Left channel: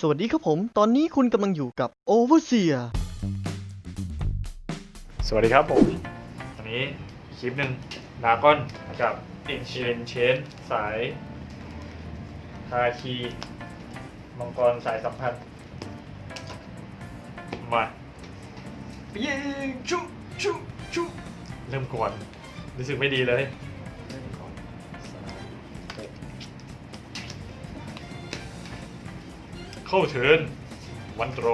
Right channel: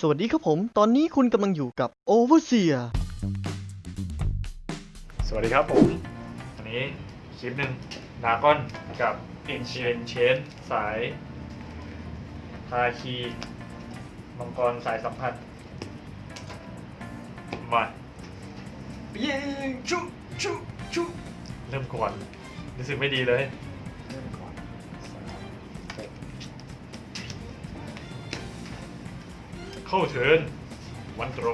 สวัสดีครับผม ตอนนี้คุณกำลังอยู่กับ Overseer สวัสดีครับผมวันนี้คลิปหนึ่งดากอนกับอินเชนเชนสายคาคีมังกรสายสัมพันธ์มายิงชุชุชุเริ่มก่อนรู้สึกไม่ดีเลย เข้าเทิร์นวันโตร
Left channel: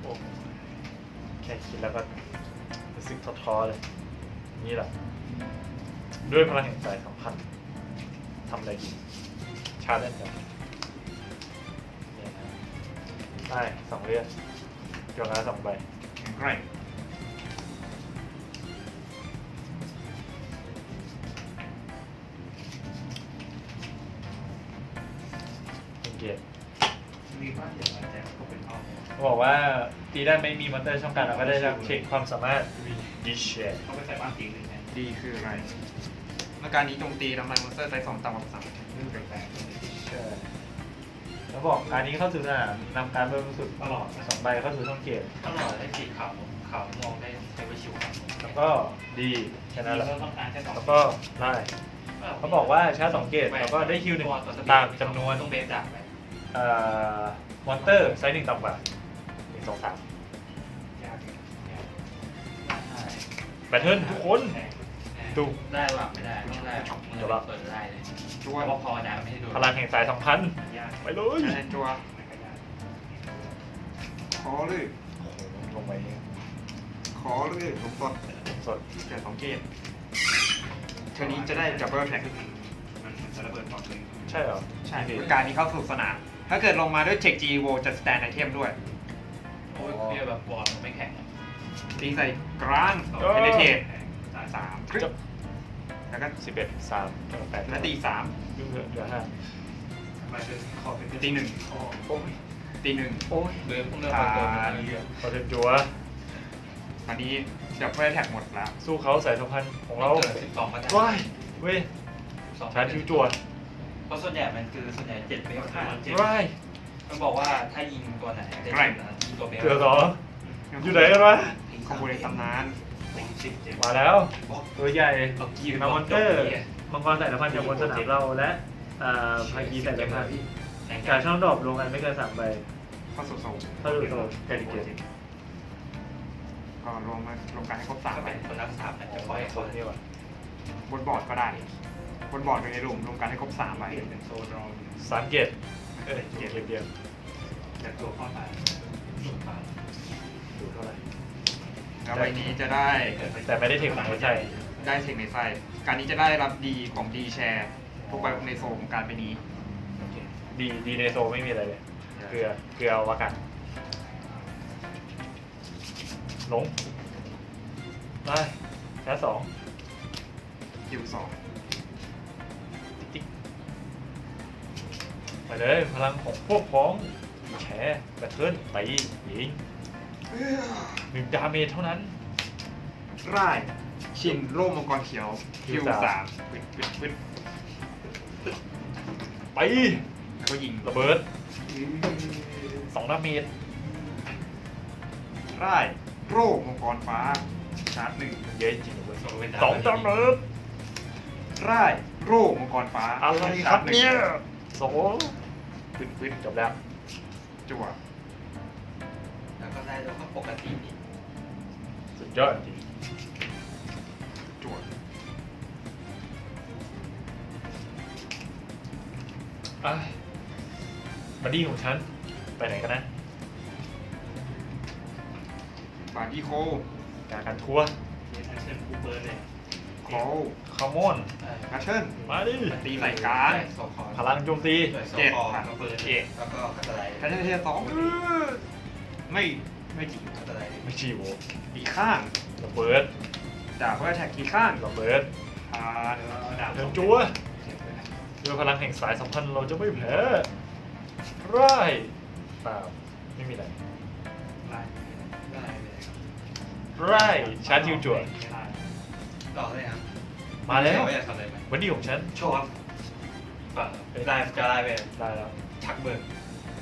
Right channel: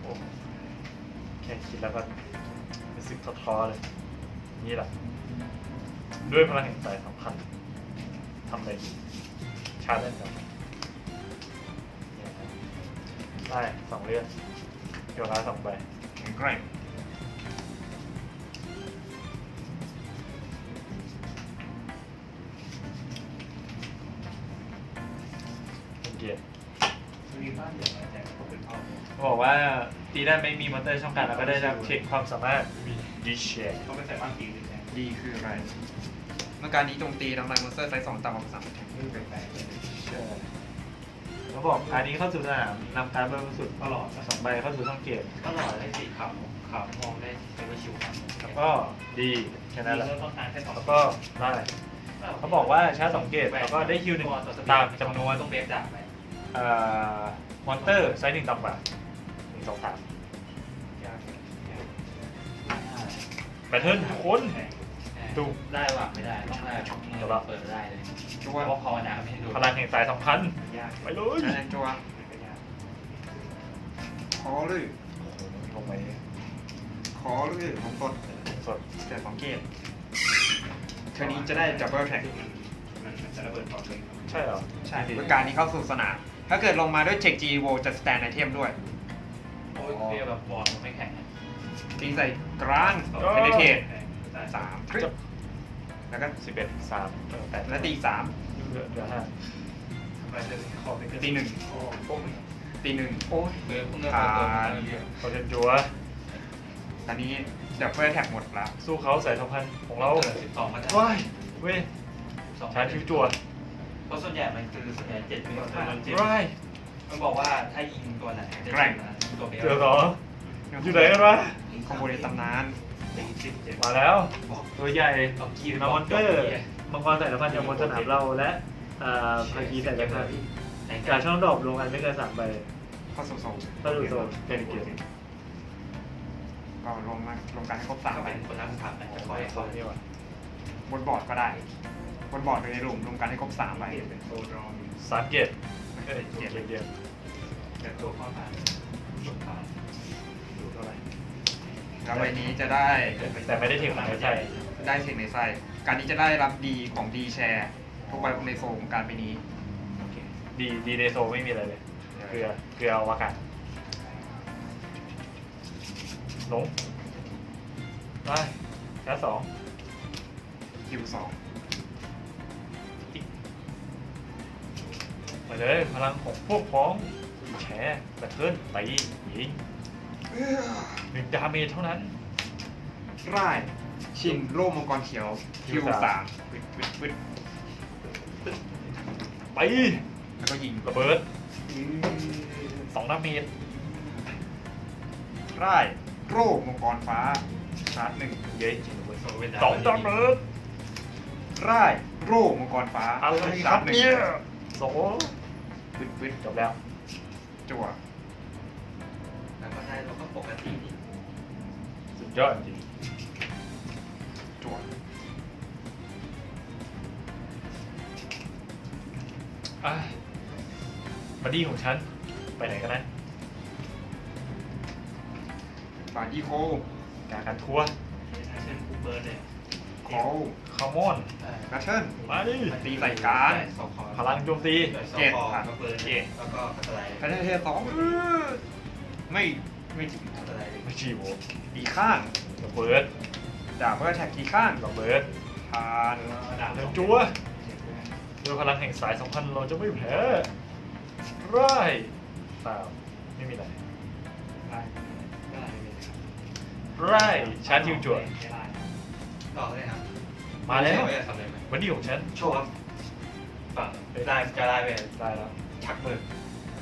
โอ้แค่คิดแล้วก็รู้สึกท้อๆเลย นี่แหละ ด้วยพลังแห่งใจสำคัญทำอะไรดีชาเลนจ์กันได้สองเรื่องเกี่ยวกับสองใบแข็ บอกว่าตีได้ไม่มีมอนเตอร์ช่องการเราก็ได้รับเช็คความสามารถดีเชียเขาไปใส่บ้านสีหนึ่งไงดีคืออะไรเมื่อการนี้โจมตีทำลายมอนสเตอร์ไซส์สองต่ำกว่าสามนี่แปลกๆเลยเขาบอกการนี้เข้าสู่สนามนำการเบอร์สุดตลอดนะสองใบเข้าสู่ช่องเกียรติตลอดเลยสีขาวขาวมองได้ใช้ไปชิวครับแล้วก็ดีแค่นั้นแหละเราต้องการแค่สองแล้วก็ได้เขาบอกว่าชาร์จสองเกียรติแล้วก็ได้คิวหนึ่งตามจำนวนต้องเบสดาบไปเอ่อมอนเตอร์ไซส์หนึ่งต่ำกว่าหนึ่ง สองสามแบทเทิลทุกคนดู ได้หรือไม่ได้ต้องได้เดี๋ยวเรา เปิดได้เลยตัเพวราะว่าภาวนาไม่ให้ดูพลังแห่งสายสัมพันธ์ไปเลยอะไรตัวขอเลยลงไปขอเลยผมกดสดเกิดของเกมเทอร์นี้จะได้จับเบิลแท็กมันจะระเบิดก่อนเลยใช่เหรอใช่เมื่อการนี้เข้าสู่สนาม ถ้าเกิดลงมาด้วยเทคจีโวจะสแตนไอเทมด้วย โอ้ยเปรี้ยวแบบบอลไม่แข็งตีใส่กลางเพนเทตสามคริปแล้วก็สิบเอ็ดสามแปดแล้วตีสาม เหลือเหลือห้ามาเจอขอไปตีหนึ่งตีหนึ่งโอ้ยเบื่อเนื้อผ่าเปิดนเขาเล่นจัวตอนนี้ดับเบิลแท็กหมดละสู้เขาสายสัมพันธ์ของเราเกิดสิบสองก็ได้ว้ายเว้ยชาร์จคิวจัวเพราะส่วนใหญ่มันคือส่วนใหญ่เจ็ดเมตรว้ายมันบอกว่าถ้ายิงตัวไหนจะยิงนะ ตัวเบลเกือบเหรออยู่ไหนกันวะคอมโบในตำนานตีสิบเจ็ดมาแล้ว ตัวใหญ่เอากีมามอนเตอร์มังกรสายสัมพันธ์จากบนสนามเราและอ่าพากีสายสัมพันธ์การช่องดรอปลงกันไม่เกินสามใบเข้าสู่โซนถ้าดูโซเป็นเกมก็ลงมารวมกันให้ครบสามถ้าใบเป็นคนนักสถาปนิกโอ้จะไม่ไม่โคตรนี่ว่ะบนบอร์ดก็ได้ บนบอร์ดไปในรูมรวมกันให้ครบสามใบเปลี่ยนเป็นโซนเราสามเกตเอ้ยเกตเดียวแต่ตัวข้อผ่านหนุน เขาดูเท่าไหร่แล้วใบนี้จะได้แต่ไม่ได้ถึงไหนใช่ได้เทคในไส้การนี้จะได้รับดีของดีแชร์ทุกใบในโซนของการไปนี้ดีดีในโซไม่มีอะไรเลยเกลือเกลือวากันลงได้แค่สองคิวสองไปเลยพลังของพวกพ้องแชร์แบทเทิลตียิง หนึ่งดาเมจเท่านั้น ร่ายชินโล่มังกรเขียวคิวสามปึ๊ดปึ๊ดปึ๊ดไปแล้วก็ยิงระเบิดสองดาเมจได้โร่มังกรฟ้าชาร์จหนึ่งเย้จริงเลยสองดาเมจร่ายโร่มังกรฟ้าอะไรครับเนี่ยโสปึ๊ดปึ๊ดจบแล้วจั่วแล้ว ยอดจริงจั่วอะบัดดี้ของฉัน ไปไหนกันนะบาร์ดี้โคจากการทัวร์เช่นคูเปอร์เนี่ยคอลคาร์มอนนัทเทิลมาดิตีใส่กลางพลังโจมตีเจ็ดก็เปิดเอกแล้วก็กระต่ายนัทเทิลเทียร์สองไม่ ไม่กี่กระต่ายไม่ชีโวอีกข้างระเบิดดาบเพื่อแท็กกี่ข้างระเบิดผ่านดาบเดินจัวด้วยพลังแห่งสายสัมพันธ์เราจะไม่แพ้ร้ายตามไม่มีอะไรได้ได้เลยร้ายชาร์จทิวจัวรอเลยครับมาแล้ววันนี้ของฉันโชว์ฝั่งได้จะได้ไปได้แล้วชักเบิก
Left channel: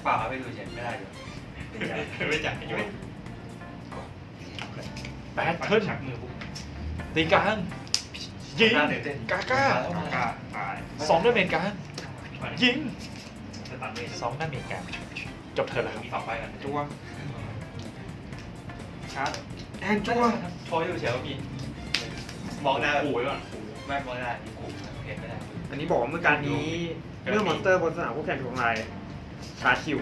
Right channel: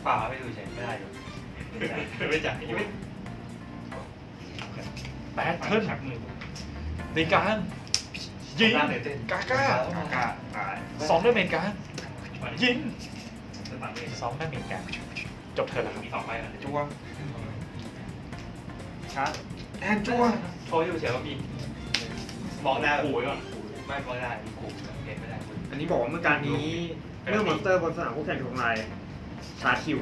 เปล่าไม่ดูเฉยไม่ได้อยู่ ไม่จ่ายไม่แบทเทิลชักมือปุ๊บตีการยิงน่าตื่นเต้นกาก้าผ่าผ่าสองดาเมจการยิงจะตัดเลยสองดาเมจการจบเธอแล้วมีสองใบกันจัวชาร์จแอนจัวโทรอยู่เฉยเมื่อกี้มองหน้าโอ้ยว่ะแม่มองหน้ากูเห็นไม่ได้อันนี้บอกว่าเมื่อการนี้เมื่อมอนสเตอร์บนสนามคู่แข่งถูกทำลายชาร์จคิว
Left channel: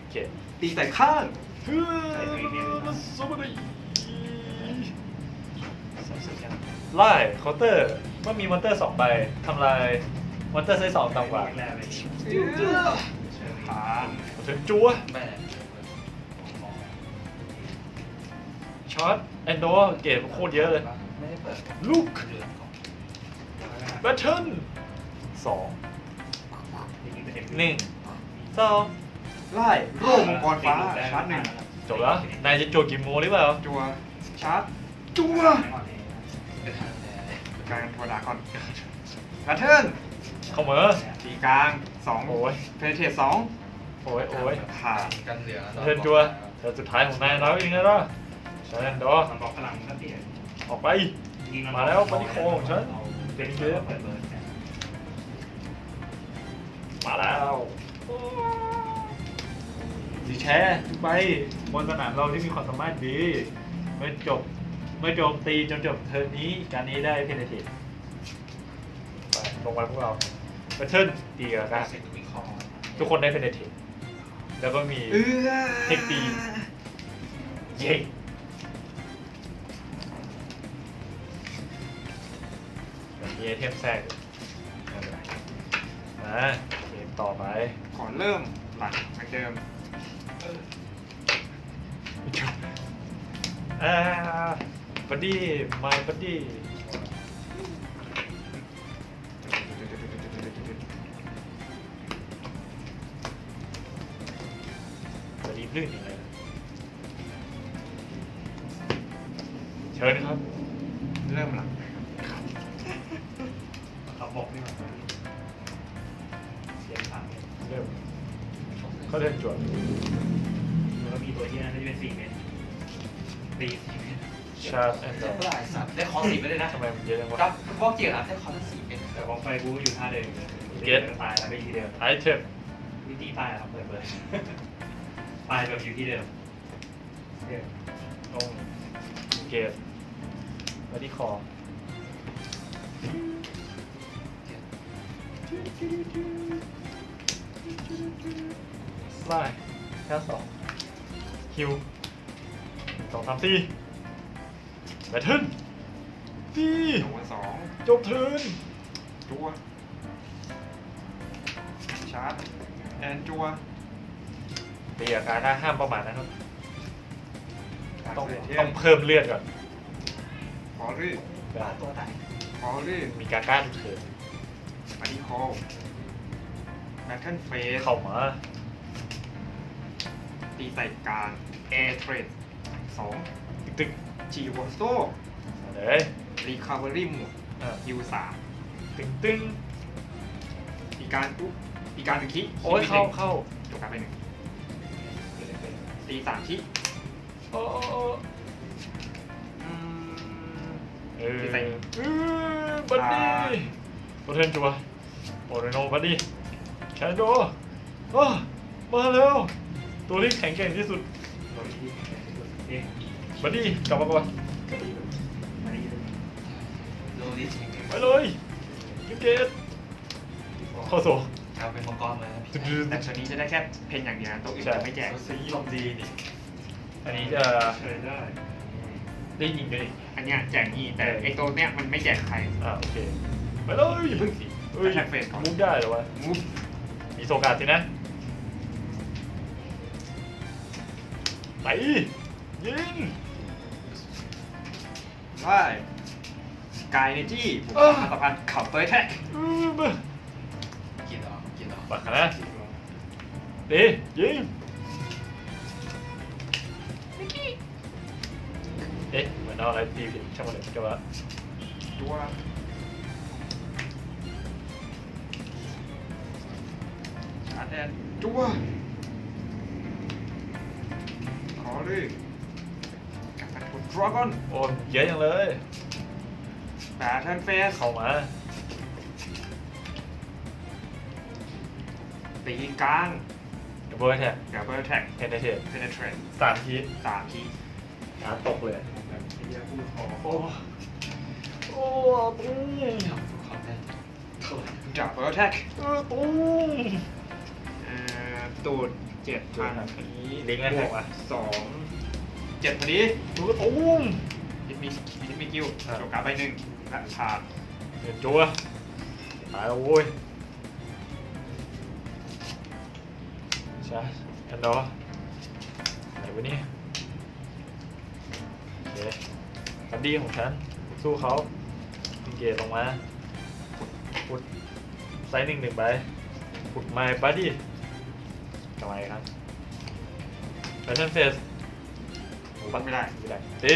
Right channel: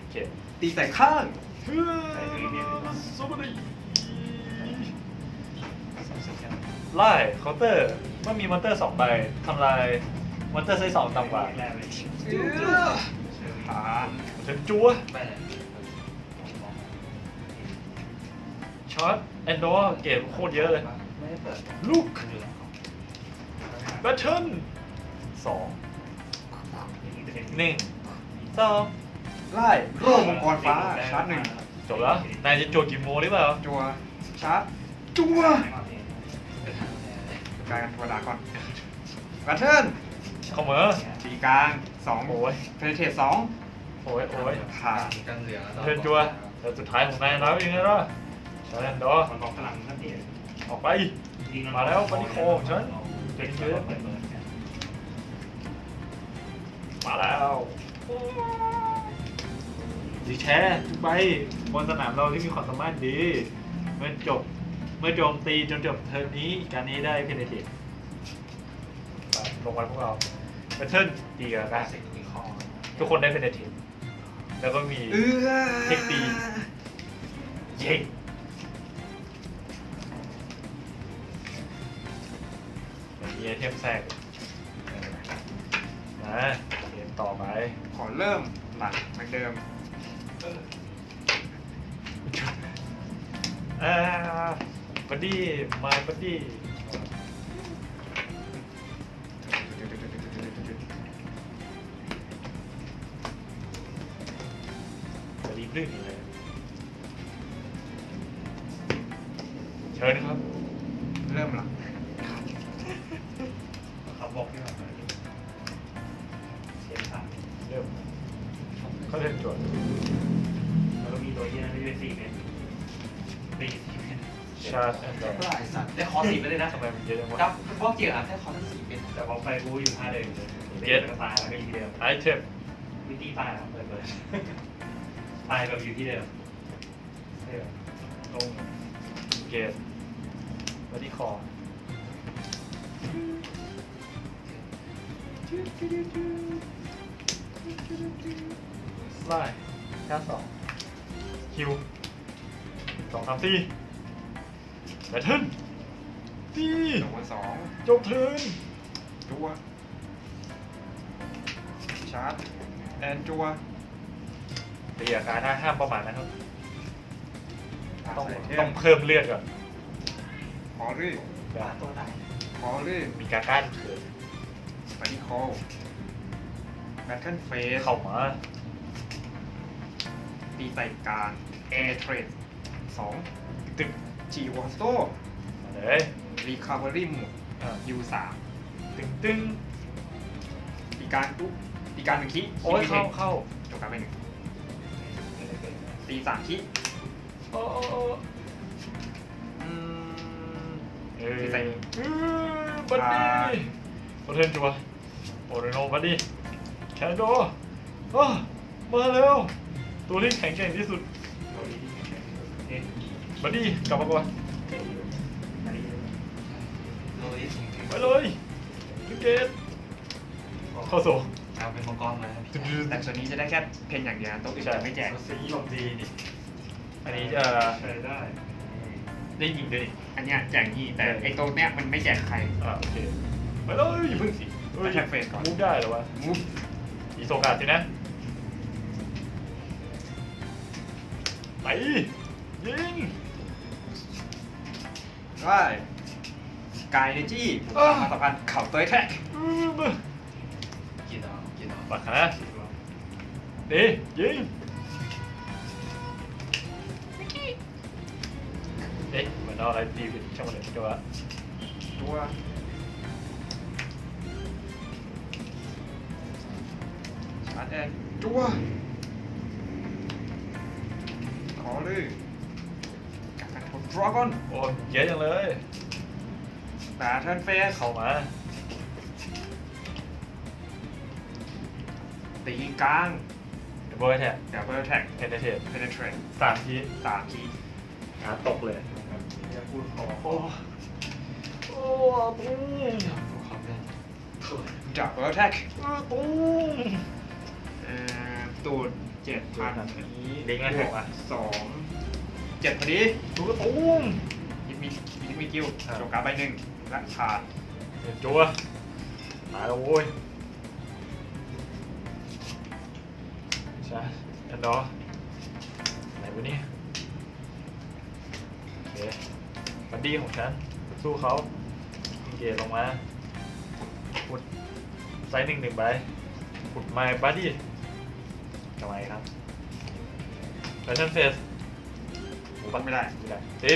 โอเค ตีใส่ข้างไล่เคาน์เตอร์เมื่อมีมอนเตอร์สองใบทำลายมอนเตอร์ไซส์สองต่ำกว่าขาถึงจัวช็อตแอนโดเกมโคตรเยอะเลยลูกแบทเทิลสองหนึ่งสอง ไล่โล่มังกรฟ้าชาร์จหนึ่งจบแล้ว นายจะโจกิมโมหรือเปล่าจัวชาร์จจัวกลายเป็นตัวดาก่อนแบทเทิลเข้ามาตีกลางสองโอ้ยเพนเทสสองโอ้ยโอ้ยขากันเหลืองเพื่อนจัวแต่สุดท้ายของนายแล้วเองนะล่ะใช่แอนโดมันบอกพลังก็เปลี่ยนออกไป มาแล้วปานิโคของฉันเก่งเยอะมาแล้ว ดีแท้ทุกใบบนสนามเราที่มีความสามารถดี เมื่อจบ เมื่อโจมตีจนจบเทิร์นนี้การนี้ได้เพนเทตลงมาพวกเราแบทเทิลตีกันนะเสร็จมีคอทุกคนได้เพนเทตแล้วก็มีเอื้อเทคตีเย้มีไอเทมแทรกนะเกมต่อไป ขอเริ่มปัดเหมือนเดิม อ่าบัดดี้มาบัดดี้บัดดี้ลื่นอยู่เลยเชิญครับ เริ่มหลังเขาบอกที่มันเสียงสามเริ่มเขาเล่นจวด แล้วก็มีตัวที่นั่นที่เป็นสี่เมตรตีสี่เมตรชาร์จแอนด์ดได้สัตว์ได้คอสี่ไปเลยนะทำไมมันเยอะจังครัวะบพวกเกี่ยวกับได้คอทั้งสี่เป็นแต่ว่าไปบูอยู่ท่าเดิมเก็ตตายแล้วก็อยู่ที่เดิมไอเทมวิธีตายครับเปิดเลยตายแบบอยู่ที่เดิมต้องเกตบัดดี้คอไล่แค่สอง ฮิวสองสามสี่แบทเทิลนี่สองไปสองจบเทิร์นจัวชาร์จแอนจัวตีอาการได้ห้ามประมาณนะครับต้องเทต้องเพิ่มเลือดก่อนขอรื่อตัวไหนขอรื่อมีการก้านเถิดบัดดี้คอลแบทเทิลเฟสเข้ามา ตีใส่กลางแอร์เทรดสองตึกจีวอสโตมาเลยรีคาเวอรี่หมวกอะฮิวสามตึงตึงตีการปุ๊บตีการหนึ่งคิโอ้ยเข้าเข้าจบการไปหนึ่งตีสามคิโอ้โอ้โอ้อืม เอ้ยตีใส่อืมบัดดี้บัดเทิลจัวโอเรโนบัดดี้แคนโดอ้ามาแล้ว ตัวที่แข็งแกร่งที่สุดตัวที่เอ๊ะบัดดี้กลับมาก่อนโดนที่สี่ไปเลยยูเกตเข้าโซ่เอาเป็นมังกรมาตึงแต่ตัวนี้จะได้แค่เพนอย่างเดียวตัวอื่นจะไม่แจกสีลมดีนี่อันนี้จะเชิญได้ได้ยิงด้วยนี่อันเนี้ยแจกยี่แต่ไอตัวเนี้ยมันไม่แจกใครอ่าโอเคไปเลยเพิ่งเฮ้ยแท็กเฟสก่อนมุกได้เหรอวะมุฟมีโซกาสินะ ไป ยิง ได้สกายเนจี้สามพันเข่าตัวแท็กอืมมากินเหรอกินเหรอปักนะดียิงเอ๊ะเหมือนเอาอะไรตีผิดช่างมันเลยจังหวะตัวชาร์จแอนจัว รกดดราก้อนโอ้เยอะจังเลยแบทเทิลเฟสเข้ามา ตีกลาง ดับเบิลแท็บดับเบิลแท็กเพนเทสเพนเทรนสามทีสามทีหาตกเลยจะพูดขอโอ้โอ้ตุ้งดับเบิลแท็กตุ้งเอ่อ ตูดเจ็ดพันลิงก์ไงบอกอะสองเจ็ดพอดีตุ้งตุ้งยิมมียิมมีกิวโจกการ์ดใบหนึ่งและขาดเดี๋ยวจัวตายแล้วโว้ยใช่แอนดอร์ไหนวะเนี่ยโอเคบัดดี้ของฉันสู้เขายิงเกตลงมาพุดไซส์หนึ่งหนึ่งใบพุดไมค์บัดดี้ ทำไมครับแฟชั่นเฟสปัดไม่ได้ไม่ได้ตี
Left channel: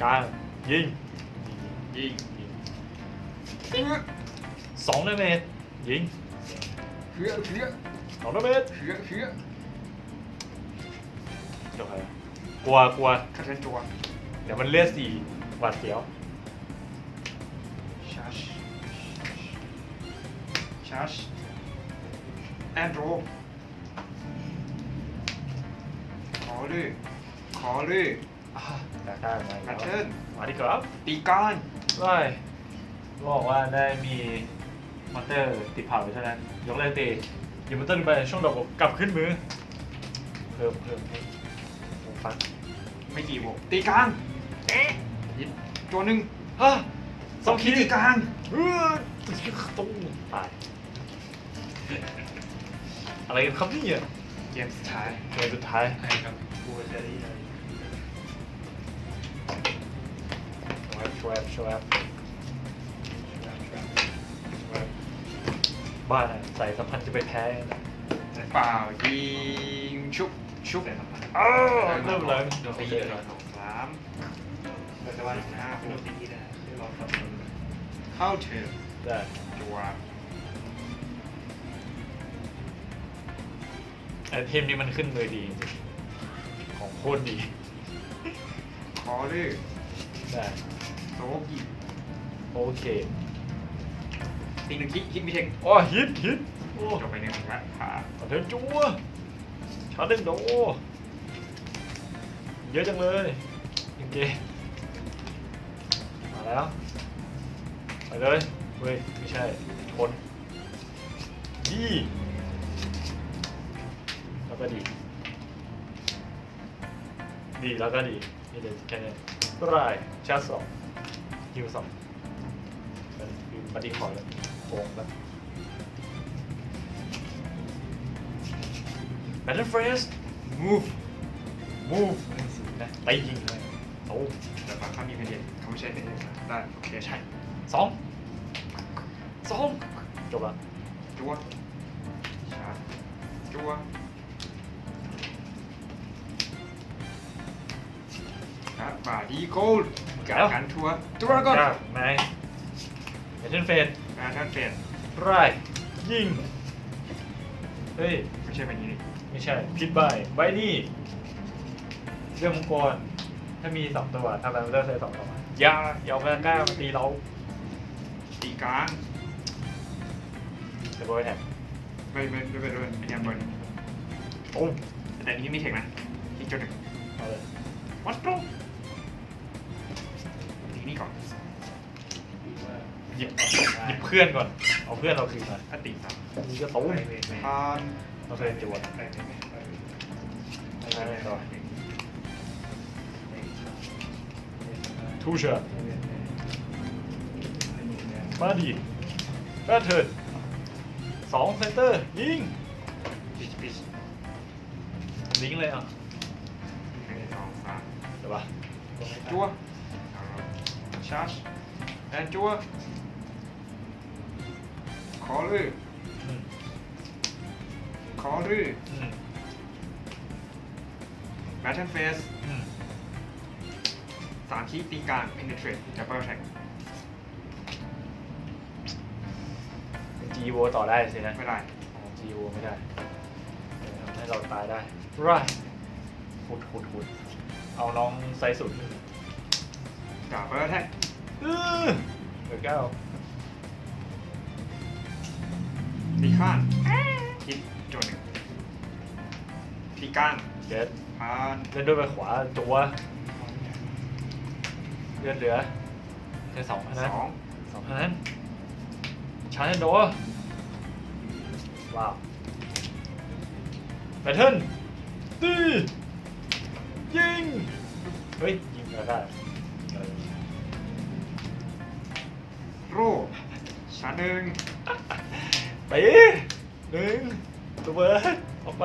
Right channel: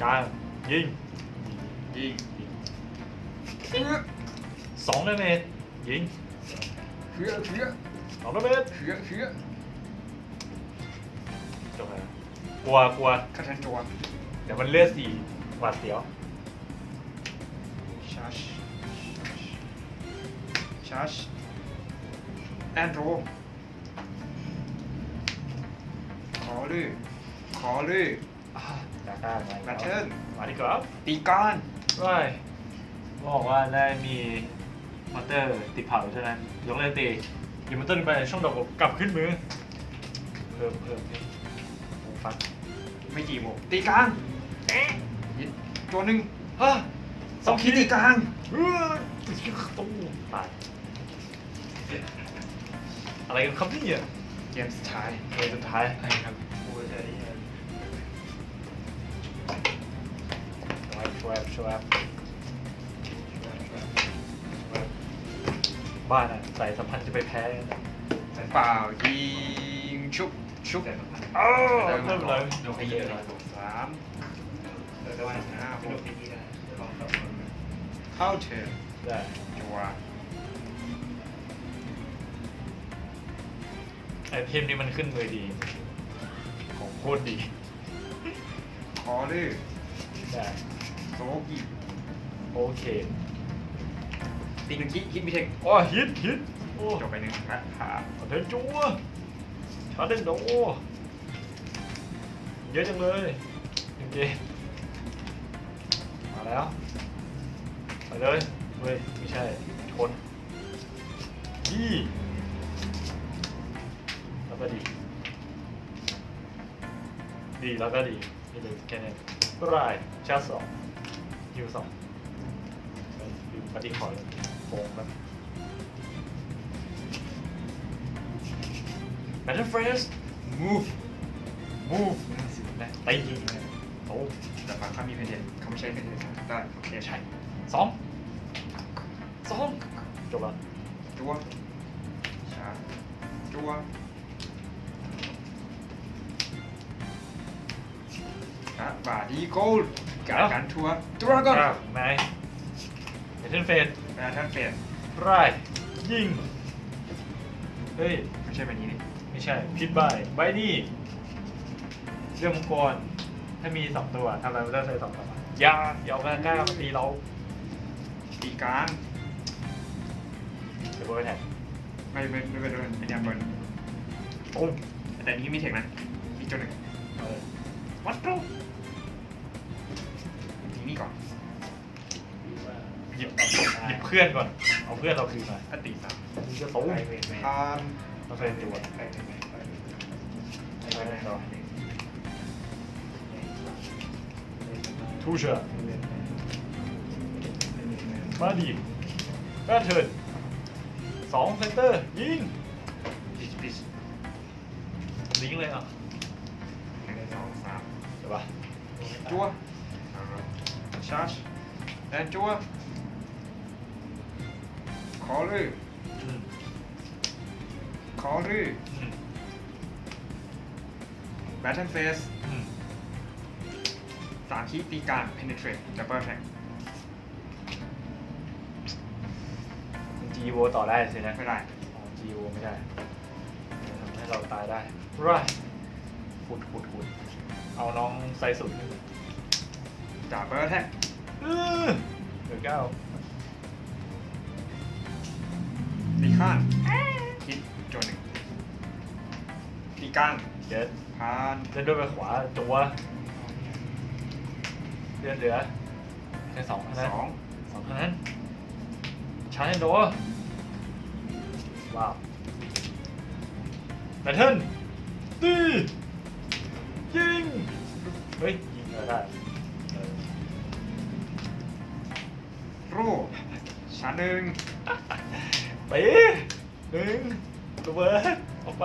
กลางยิงยิงยิงสองดาเมจยิงเขือเขือสองดาเมจเขือเขือจบเลยกลัวกลัวคาเทนตัวเดี๋ยวมันเลือดสี่หวาดเสียวชาร์จชาร์จแอนโดร ลือขอลือตาข้ามาแพทเทิร์น มาดีกว่าตีก้อนว้ายบอกว่าได้มีมอนเตอร์ติดเผาเท่านั้นยกเลิกตีหยิบมอนเตอร์ลงไปช่องดอกผมกลับขึ้นมือเพิ่มเพิ่มเพิ่มโอ้ฟัดไม่กี่บวกตีกลางตัวหนึ่งฮะสองขีดตีกลางเออตุ้มตายอะไรกันครับเนี่ยเกมสุดท้ายเกมสุดท้ายใช่ครับพูดเลยช่วยช่วยช่วยบ้านอะใส่สัมพันธ์จะไปแพ้เปล่ายิงชุบชุบอ้าวเริ่มเลยโดนไปเยอะเลยสามแต่ว่าหน้าโดนไปยี่นะคือเราสองคนแบบเข้าเถิดได้ตัว ไอเทมนี้มันขึ้นมือดี ของโคตรดีขอลือได้โซกิโอเคตีหนึ่งคิดคิดมิเทคโอ้ฮิตฮิตโอ้จบไปหนึ่งขาขาเดินจัวชาร์จเด้งโดเยอะจังเลยโอเคมาแล้วไปเลยเว้ยไม่ใช่ชนดีแล้วก็ ดี ดีแล้วก็ดีนี่เลยแค่นี้ก็ได้ชาร์จสองฮิวสองฮิวปฏิขอเลยโกงแบบ Battle Fresh move move นะไปยิงเลยโอ้แต่บางครั้งมีเพนเดนเขาไม่ใช่เพนเดนได้โอเคใช่สองสองจบละจัวชาจัวแบาดีโกลการกันทัวร์ตัวก่อนครับนายเอเจนเฟนแบทเทิลเฟสไรยิง เฮ้ย ไม่ใช่แบบนี้นี่ไม่ใช่พิดใบใบนี่เรื่องมังกร ถ้ามีสองตัวทำอะไรมันได้ใส่สองตัวอย่าอย่าเอาแมงก้ามาตีเราตีกลางเดี๋ยวเบอร์แท็กไม่ไม่ไม่ไม่ไม่ยังบนโอ้มแต่นี้มีเทคนะที่ตัวหนึ่งเอาเลยวัดโปรที หยิบหยิบเพื่อนก่อน เอาเพื่อนเราคืนมาอติครับนี่ก็ตุ้ทานเราเคยจวดทูเชอร์มาดีแบทเทิร์นสองเซนเตอร์ยิงปิชปิชลิงเลยอะหนึ่งสองสามใช่ปะจัวชาร์จแอนจัว ขอเลยอืมขอเลยอืมแบทเทิลเฟสอืมสามคีตีกลาง penetrate จากเบอร์แท็กจีโวต่อได้สินะไม่ได้จีโอไม่ได้ ให้เราตายได้ร่าขุดขุดขุดเอาน้องไซสุดจากไปแล้วแท้เออเบอร์เก้า มีข้างคิดจนที่ก้างเจ็ดผ่านเล่นด้วยไปขวาตัวเลือดเหลือแค่สองเท่านั้นสองสองเท่านั้นชาร์จโดว้าวแบทเทิลตียิง เฮ้ย ยิงก็ได้เออโร่ชาร์จหนึ่ง ตีหนึ่งตัวเบิร์ดออกไป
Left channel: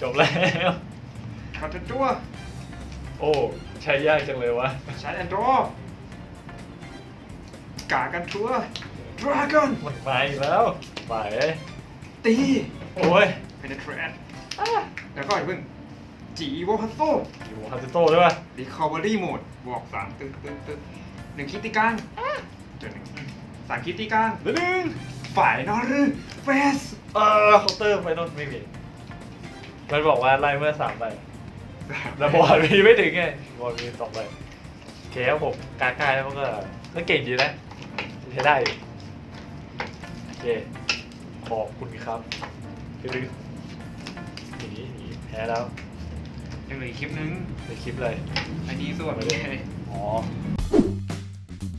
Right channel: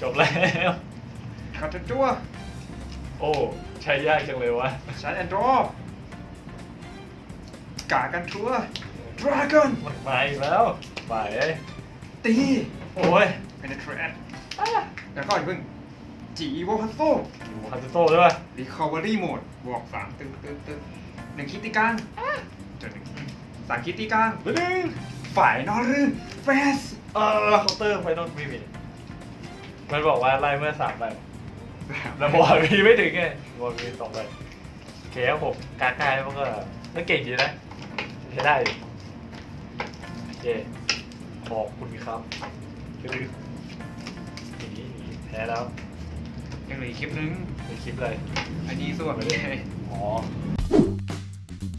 จบแล้วขัดจั่วโอ้ใช้ยากจังเลยวะชาร์จแอนด์ดรอกากันตัวดราก้อนมันมาอีกแล้วไปตีโอ้ยเป็นเทรนแล้วก็อย่าเพิ่งจีโวคัสโซอยู่คาซิโต้ใช่ป่ะรีคอเวอรี่โหมดบวกสามตึ๊งตึ๊งตึ๊งหนึ่งคิดที่กลางจนหนึ่งสามคิดที่กลางหนึ่ง ฝ่ายนอรื่นเฟสเออเคาน์เตอร์ไฟนอลไม่มีมันบอกว่าไล่เมื่อสามใบแล้วบอลมีไม่ถึงไงบอลมีสองใบโอเคครับผมการกายมันก็มันเก่งดีนะใช้ได้อยู่โอเคขอบคุณครับคือหนีหนีแพ้แล้วยังเหลืออีกคลิปนึงในคลิปเลยอันนี้ส่วนเลยอ๋อ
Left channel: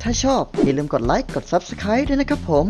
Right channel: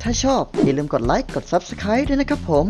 ถ้าชอบอย่าลืมกดไลค์ กด Subscribe ด้วยนะครับผม